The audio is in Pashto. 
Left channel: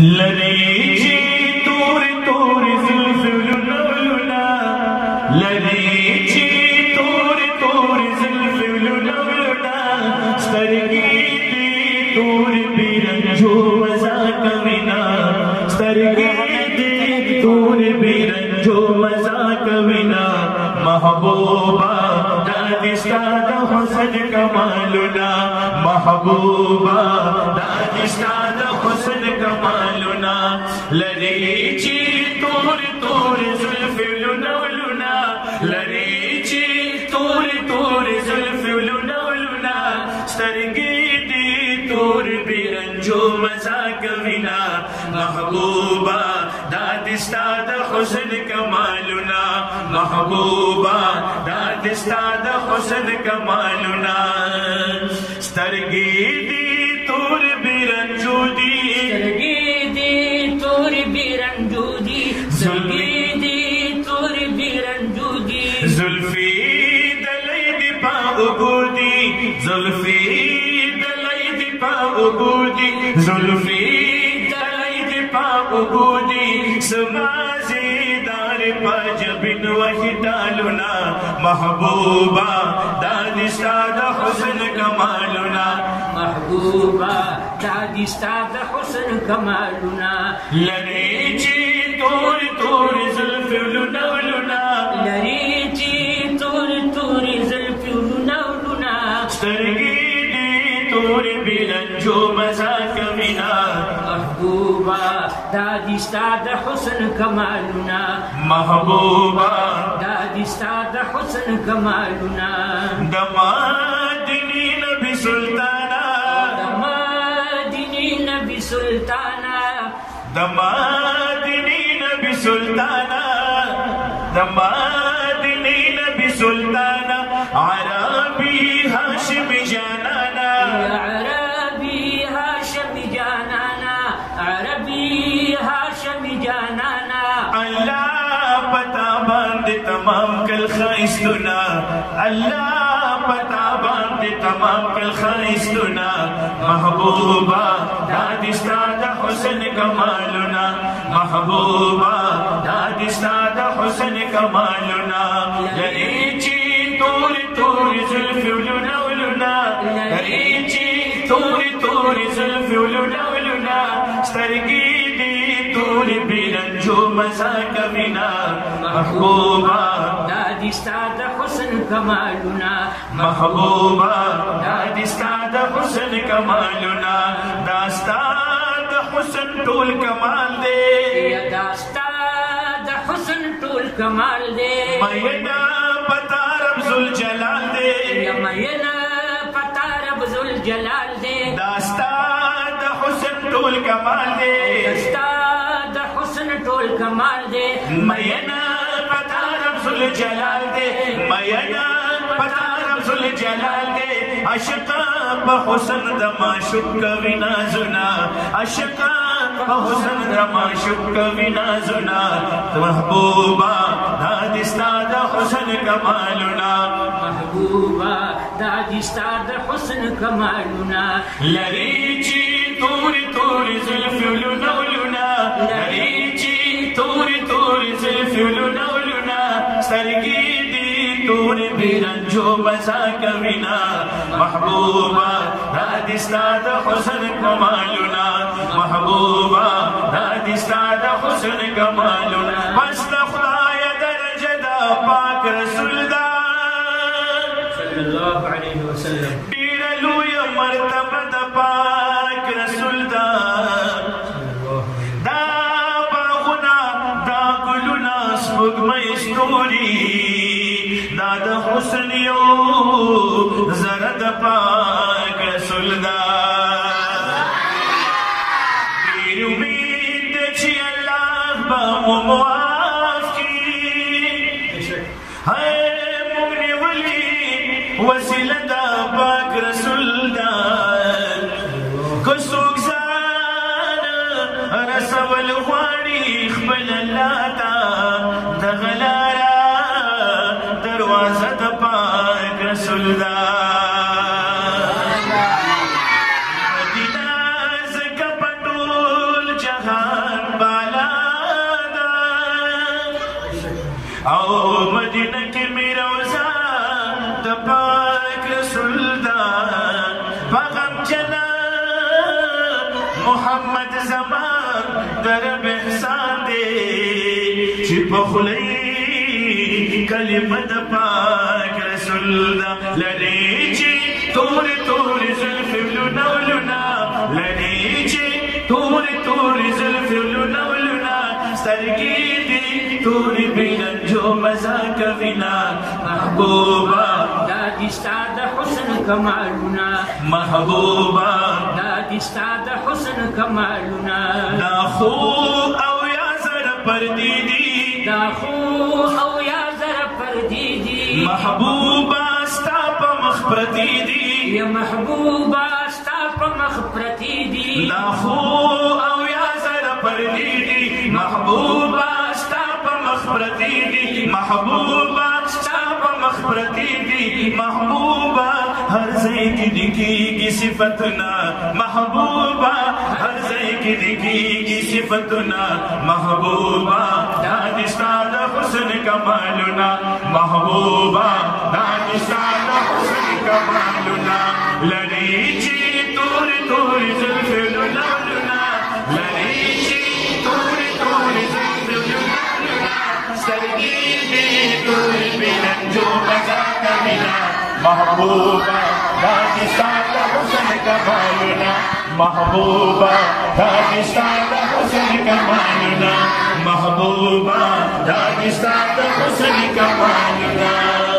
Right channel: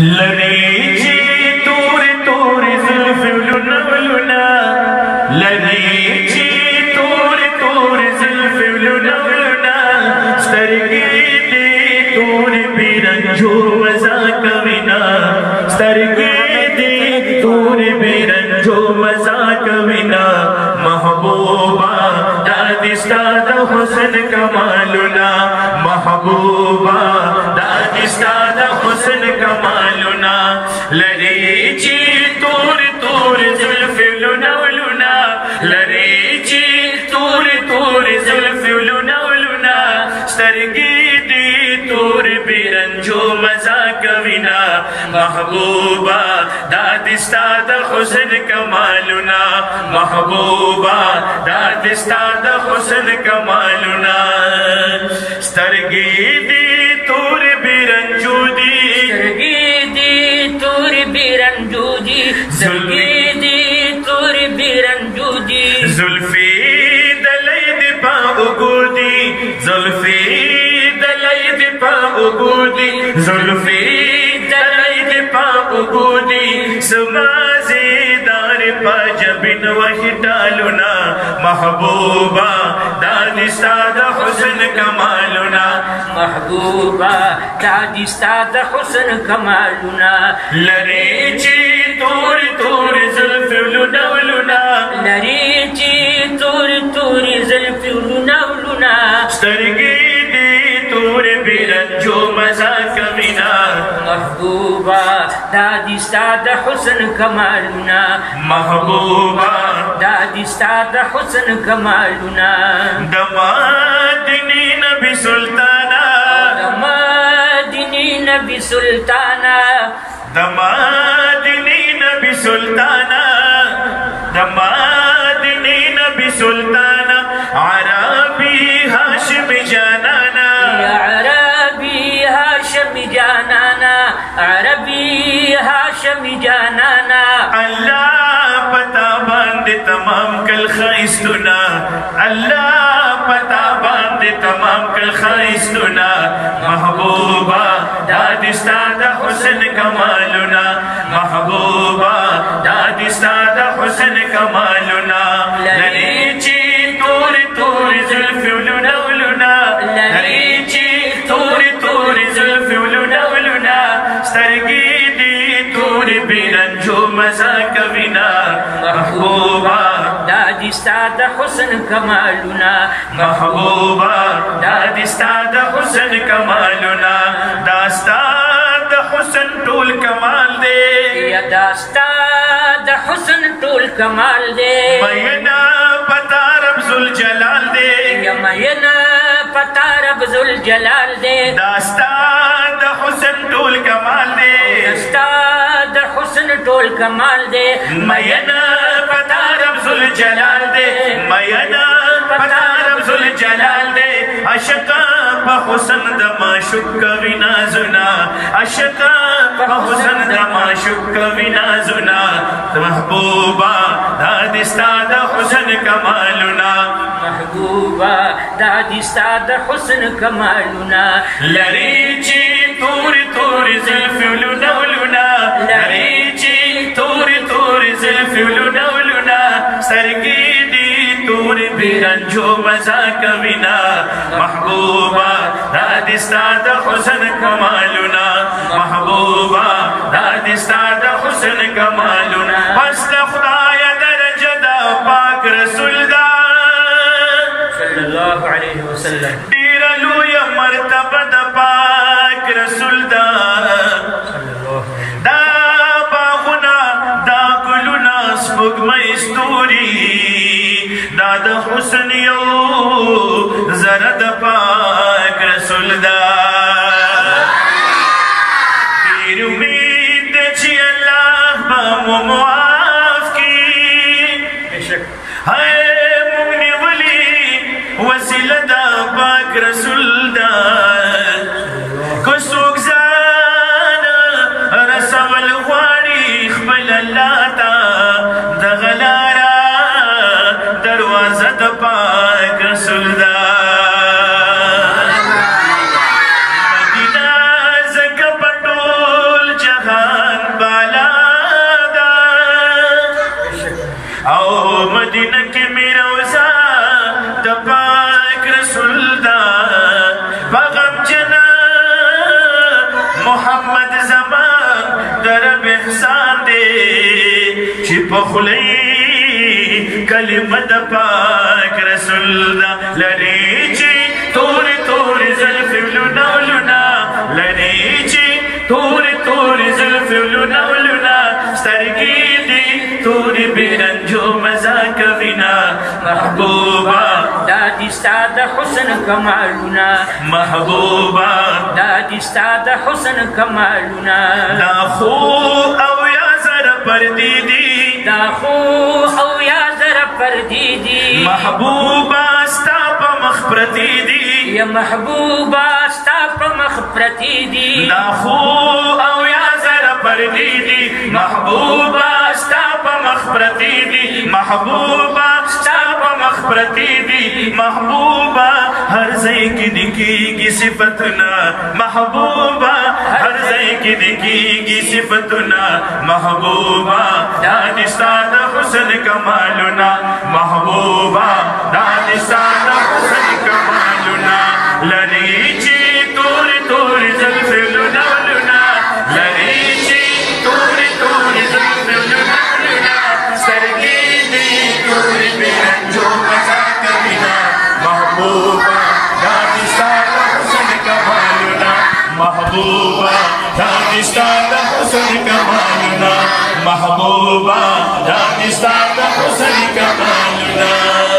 لری چی تور تور زلف ولنا لری چی تور تور زلف ولنا سترګې دې تور بیرنجو مزا کوینا سترګې دې تور بیرنجو مزا کوینا محبوبا دادی ستا د حسن کمالنا محبوبا دادی ستا د حسن کمالنا لری چی تور تور زلف ولنا لری چی تور تور زلف ولنا سترګې دې تور بیرنجو مزا کوینا محبوبا دادی ستا د حسن کمالنا محبوبا دادی ستا د حسن کمالنا سترګې دې تور بیرنجو دي سترګې دې تور بیرنجو دي سترګې دې تور بیرنجو دي زلفي دلای دې په وګودي زلفي دلای دې په وګودي زلفي دلای دې په وګودي سمازیدار پجبن وحدالنا محبوبا دادی ستا د حسن کمالنا محبوبا دادی ستا د حسن کمالنا لری چی تور تور زلف ولنا لری چی تور تور زلف ولنا سترګې دې تور بیرنجو مزا کوینا محبوبا دادی ستا د حسن کمالنا محبوبا دادی ستا د حسن کمالنا دمادنی نبی سلطانا دمادنی نبی سلطانا دمادنی نبی سلطانا دمادنی نبی سلطانا عربی هاشم جانانا یا عربی هاشم جانانا عربی هاشم جانانا اللہ پتا باند تمام کل خیستنا اللہ پتا باند تمام کل خیستنا محبوبا دادی ستا د حسن کمالنا محبوبا دادی ستا د حسن کمالنا لری چی تور تور زلف ولنا لری چی تور تور زلف ولنا سترګې دې تور بیرنجو مزا کوینا محبوبا دادی ستا د حسن کمالنا محبوبا دادی ستا د حسن کمالنا داستا د حسن ټول کمال دے یا داستا د حسن ټول کمال دے مینا پتا رب ذوالجلال دے یا مینا پتا رب ذوالجلال دے داستا د حسن ټول کمال دے داستا د حسن ټول کمال دے مینا پتا رب ذوالجلال دے مینا پتا رب ذوالجلال دے عشقا په حسن د معشوق کوي نازنا عشقا په حسن د معشوق کوي نازنا محبوبا دادی ستا د حسن کمالنا محبوبا دادی ستا د حسن کمالنا لری چی تور تور زلف ولنا لری چی تور تور زلف ولنا سترګې دې تور بیرنجو مزا کوینا محبوبا دادی ستا د حسن کمالنا محبوبا دادی ستا د حسن کمالنا پس د خدای درجه د پاک رسول دا صلی الله علیه وسلم ډیر لوی مرتبه د پاک رسول دا دا باغونه دا ګلونه سپوږمۍ ستوري دا د حسن یو زره د پاک رسول دا ډیر امید ده چې الله به مو معاف کړي موږ نیولي وسیله دا پاک رسول دا که څوک ځان رسول غواړي خپل الله ته دغه لاره دروازه د پاک محمد زمان درب احسان دے چی پخلی کلمت پاک رسول دا لری چی تور تور زلف لنا لنا لری چی تور تور زلف لنا لنا سترگی دی تور بیرنجو مزا کبینا محبوبا دادی ستاد حسن کمالنا محبوبا دادی ستاد حسن کمالنا دا خو او یا زر پردیدی دا خو او یا زر پردیدی محبوبا ستا پا مخبرتی دی یا محبوبا ستا پا مخبرتی دی دا خو او یا زر پردیدی محبوبا ستا پا مخبرتی دی محبوبا ستا پا مخبرتی دی محبوبا ہر زی کی دکی کی صفتنا محبوبا ہر زی کی دکی کی صفتنا محبوبا دانستان حسن کمالنا محبوبا دانستان حسن کمالنا لریچی تور تور زلف لنا لنا لریچی تور تور زلف لنا لنا سرگی دی تور بیرنجو مزا کبینا محبوبا دانستان حسن کمالنا محبوبا دانستان حسن کمالنا محبوبا دانستان حسن کمالنا